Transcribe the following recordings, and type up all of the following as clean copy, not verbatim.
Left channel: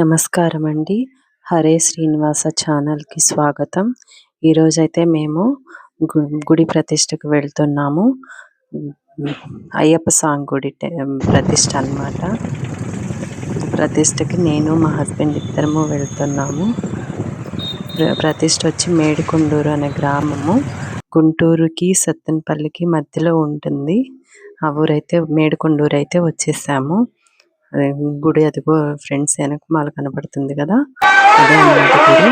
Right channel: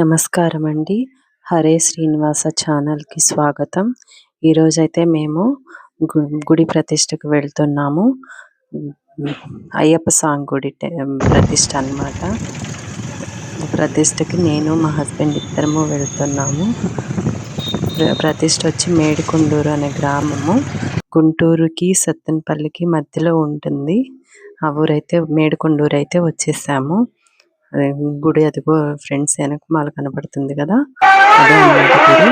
నమస్కారం అండి. హరే శ్రీనివాస ఛానల్‌కి స్వాగతం. ఈరోజైతే మేము గుడి ప్రతిష్టకు వెళ్తున్నాము. అయ్యప్ప స్వామి గుడి ప్రతిష్ట అన్నమాట. ప్రతిష్టకి నేను మా హస్బెండ్ ఇద్దరము వెళ్తున్నాము. ప్రతిష్ట వచ్చి మేడికొండూరు అనే గ్రామము. గుంటూరుకి సత్తెనపల్లికి మధ్యలో ఉంటుంది. ఆ ఊరైతే మేడికొండూరు అయితే వచ్చేసాము. గుడి అదిగో ఫ్రెండ్స్ వెనకమాల కనబడుతుంది కదా, అదే అన్నమాట గుడి.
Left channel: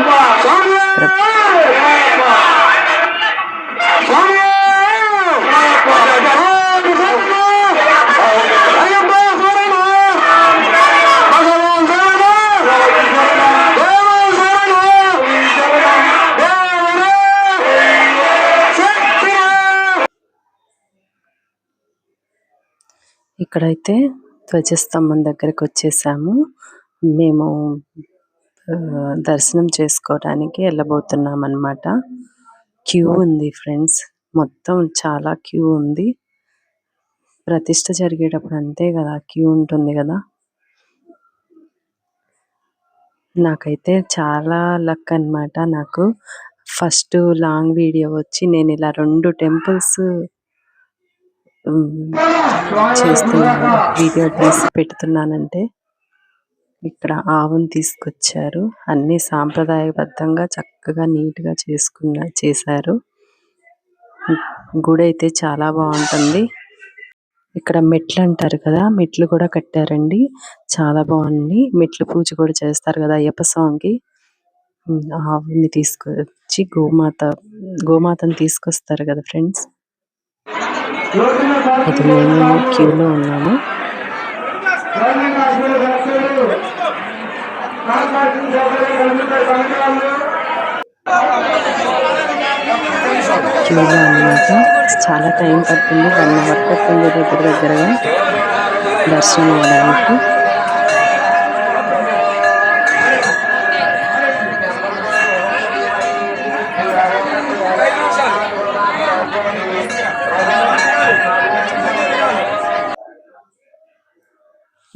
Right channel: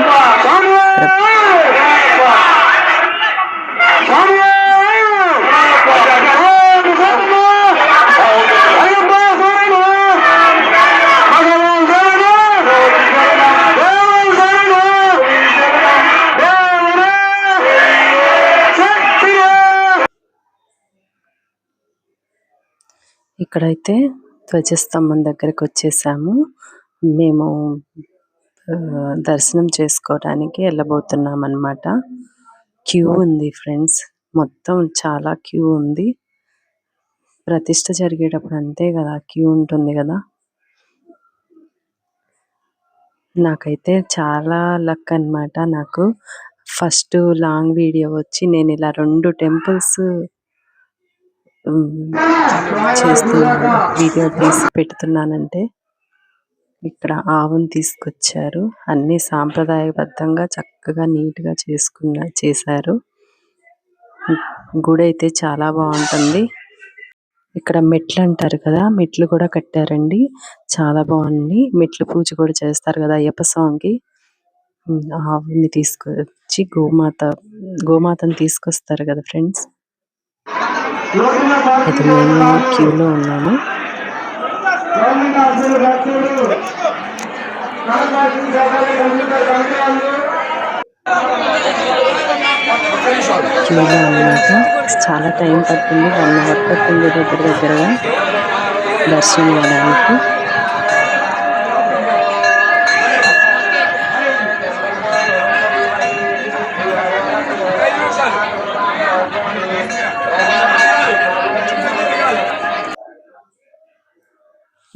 ఇక్కడైతే ధ్వజస్తంభం దగ్గరికి వచ్చేసాము. మేము దర్శనం చేసుకోవడానికి వెళ్ళబోతున్నాం అన్నమాట. క్యూ ఉంది ఫ్రెండ్స్, మొత్తం చాలా క్యూ ఉంది. ప్రతిష్ట జరిగేటప్పుడు అంతే కదా, క్యూ ఉంటుంది కదా. నాకైతే చాలా లక్ అన్నమాట. నాకు ఫస్ట్ లాంగ్ వీడియో వచ్చి నేను ఇలా 2 టెంపుల్స్ చేస్తున్నాను, వీడియో తీసి పెడుతున్నానంటే ఇక్కడ ఆవును తీసుకొచ్చారు. అన్ని సాంప్రదాయబద్ధంగా చక్కగా నీట్గా చేశారు. గుడి అయితే చాలా బాగుంటుంది. ఇక్కడ మెట్లు అంటారు కదా, మెట్లు కూడా కట్టారండి, చాలా బాగుంది. మెట్లు పూజ కూడా చేస్తారు కదా అయ్యప్ప స్వామికి. ఆవుని తీసుకొచ్చి గోమాతను తీసుకొస్తారు కదా ఫ్రెండ్స్. అయితే మేము క్యూలో ఉన్నాము. క్యూలో అన్నమాట. చాలా టైం పట్టింది, 1 అవర్ పట్టింది దగ్గరగా దర్శనం అవ్వడానికి.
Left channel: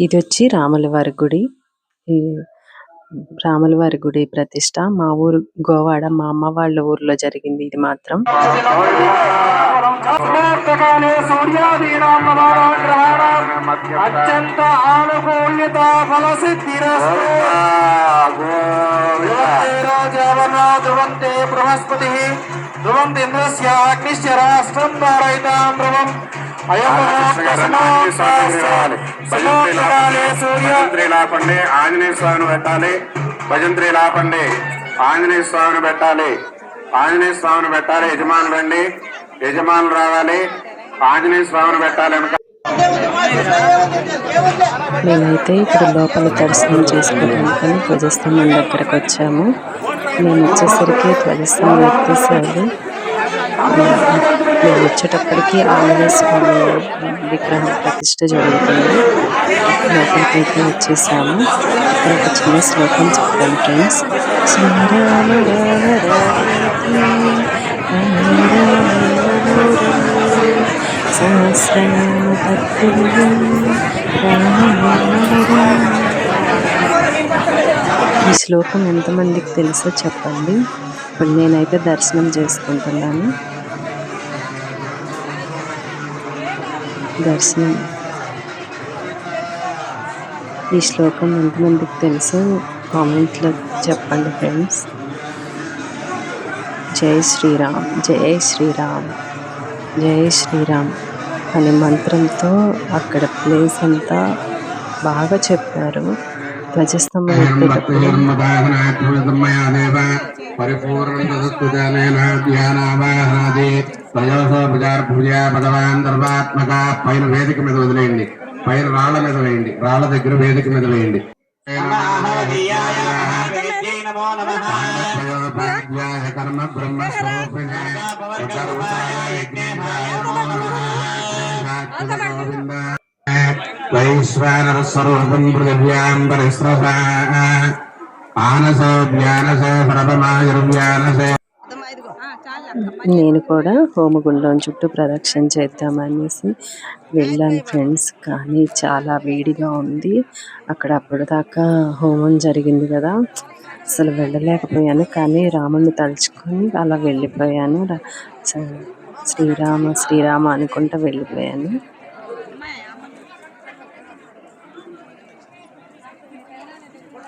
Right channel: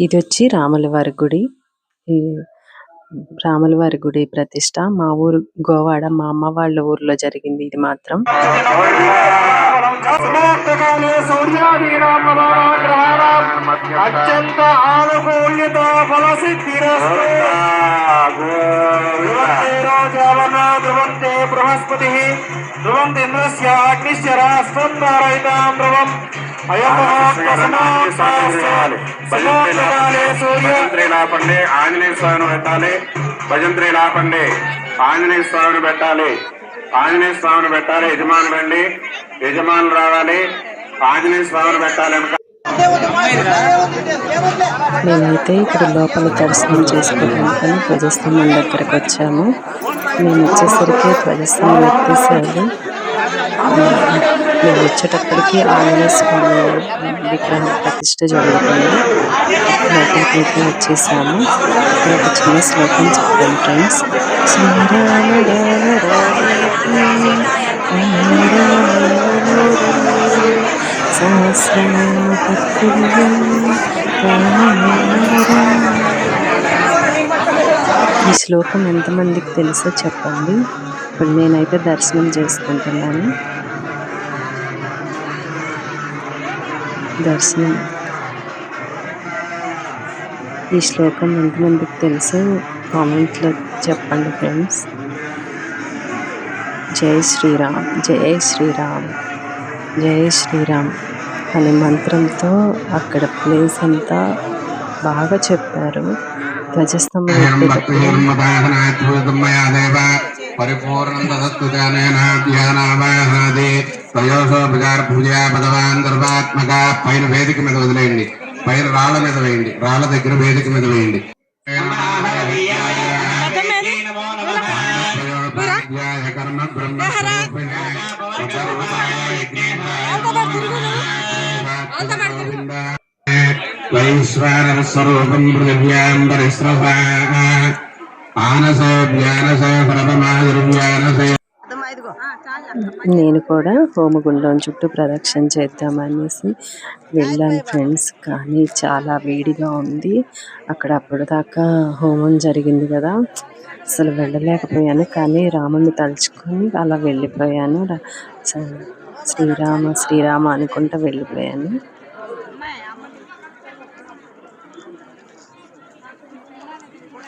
ఇది వచ్చి రాములవారి గుడి. రాములవారి గుడి ప్రతిష్ట మా ఊరు గోవాడ, మా అమ్మ వాళ్ళ ఊర్లో జరిగింది ఇది మాత్రం. ఆంజనేయ స్వామిని పెట్టాలి, భజంత్రి ఆపండి, ఆంజనేయ స్వామిని పెట్టాలి, ఆంజనేయ స్వామిని పెట్టాలి. యజమానులు రండి, యజమానులు రావాలి, ఆంజనేయ స్వామిని పెట్టాలి. మేమైతే ఇక్కడ లోపల దర్శనం చేసుకోవడానికి ధ్వజస్తంభం దగ్గరకు వచ్చాము. మేము వచ్చేసరికి ధ్వజస్తంభం ఎత్తేసారు. మేము వచ్చేటప్పటికి ఆంజనేయ స్వామి విగ్రహం ప్రతిష్ట జరుగుతుంది. లోపలికైతే వచ్చేసాము. ఇక్కడ ఒక చిన్న శ్లోకం చెప్తాను ఫ్రెండ్స్. శ్రీరామ రామ రామేతి సహస్రనామ తత్తుల్యం రామనామవరం. ఈ శ్లోకం ఎంతమందికి తెలుసో చెప్పండి. ఇప్పుడు నేనైతే దర్శనం చేసుకుంటున్నాను. ఈ శ్లోకం ఎంతమందికి తెలుసో కామెంట్లో చెప్పండి ఫ్రెండ్స్. జై శ్రీరామ్, జై శ్రీరామ్, జై శ్రీరామ్ అనే మంత్రంతో అక్కడ ప్లేస్ అంతా బాగా చెప్పారు. ధ్వజస్తంభం ఎత్తేటప్పుడు పైన వేదిక మీద వదిలేయండి, పైన రాళ్ళ మీద వేయండి, రాళ్ళ దగ్గర వేదిక మీద వేయండి. కర్మ బ్రహ్మ వైశ్వానర స్వరూపం పృథివ్యాం పరిస్రవ ఆనసో జ్ఞానసో ప్రథమాయుర్వ్యానసే నేను కూడా హోమగుండం చుట్టూ ప్రదక్షిణ చేద్దామనేసి వెళ్ళాను ఫ్రెండ్స్. కానీ చాలా వేడిగా ఉంది. అక్కడ అప్పటిదాకా హోమం జరిగింది కదా, అసలు వెళ్ళలేకపోయాను. కానీ రాముడిని తలుచుకొని అలా వెళ్ళిపోయాను. శ్రీరామ శ్రీరామ అనుకుంటా వెళ్ళిపోయాను.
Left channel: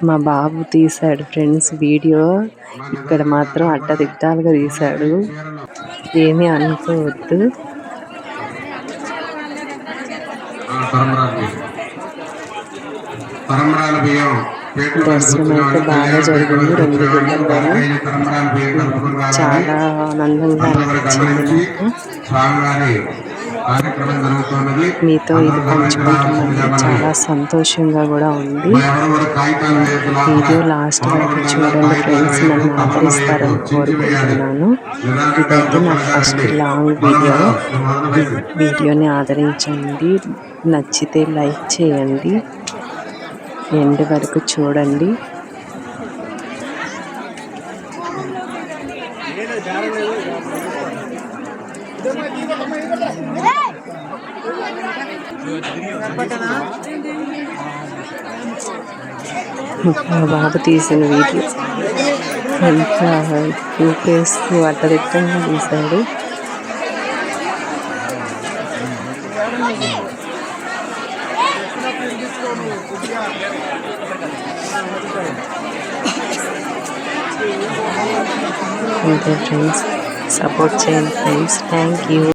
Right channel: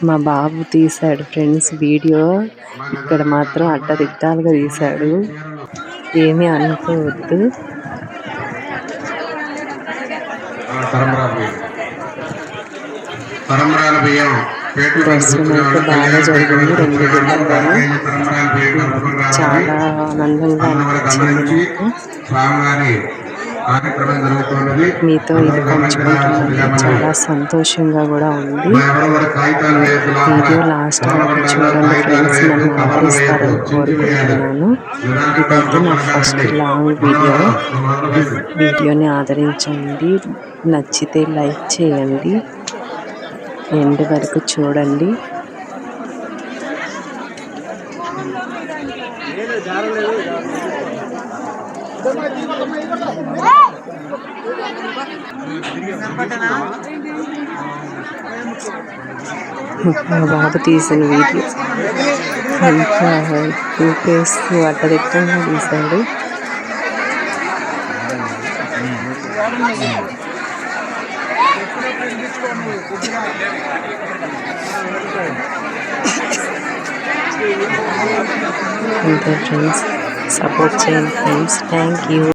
మా బాబు తీశాడు ఫ్రెండ్స్ వీడియో. ఇక్కడ మాత్రం అడ్డదిడ్డాలుగా తీశాడు, ఏమీ అనుకోవద్దు. దర్శనం అయితే బాగా జరిగింది 2 గుళ్ళల్లోనూ. చాలా ఆనందంగా అనిపించింది నాకు. మీతో ఇది పంచుకుంటున్నందుకు చాలా సంతోషంగా కూడా ఉంది. వీడియో లాస్ట్ వరకు చూడండి ఫ్రెండ్స్, నన్ను ఆదరిస్తారని కోరుకుంటున్నాను. ఇదైతే నా ఫస్ట్ లాంగ్ వీడియో. వీడియోని ఆదరించండి, నచ్చితే లైక్ చేయండి, ఎండ్ వరకు చూడండి. మా బాబు తీసిన వీడియో అంతా చూపేస్తూ అడ్డదిట్టంగా తీశాడు. అంతే ఫ్రెండ్స్, సపోర్ట్ చేయండి ఫ్రెండ్స్. Thank you.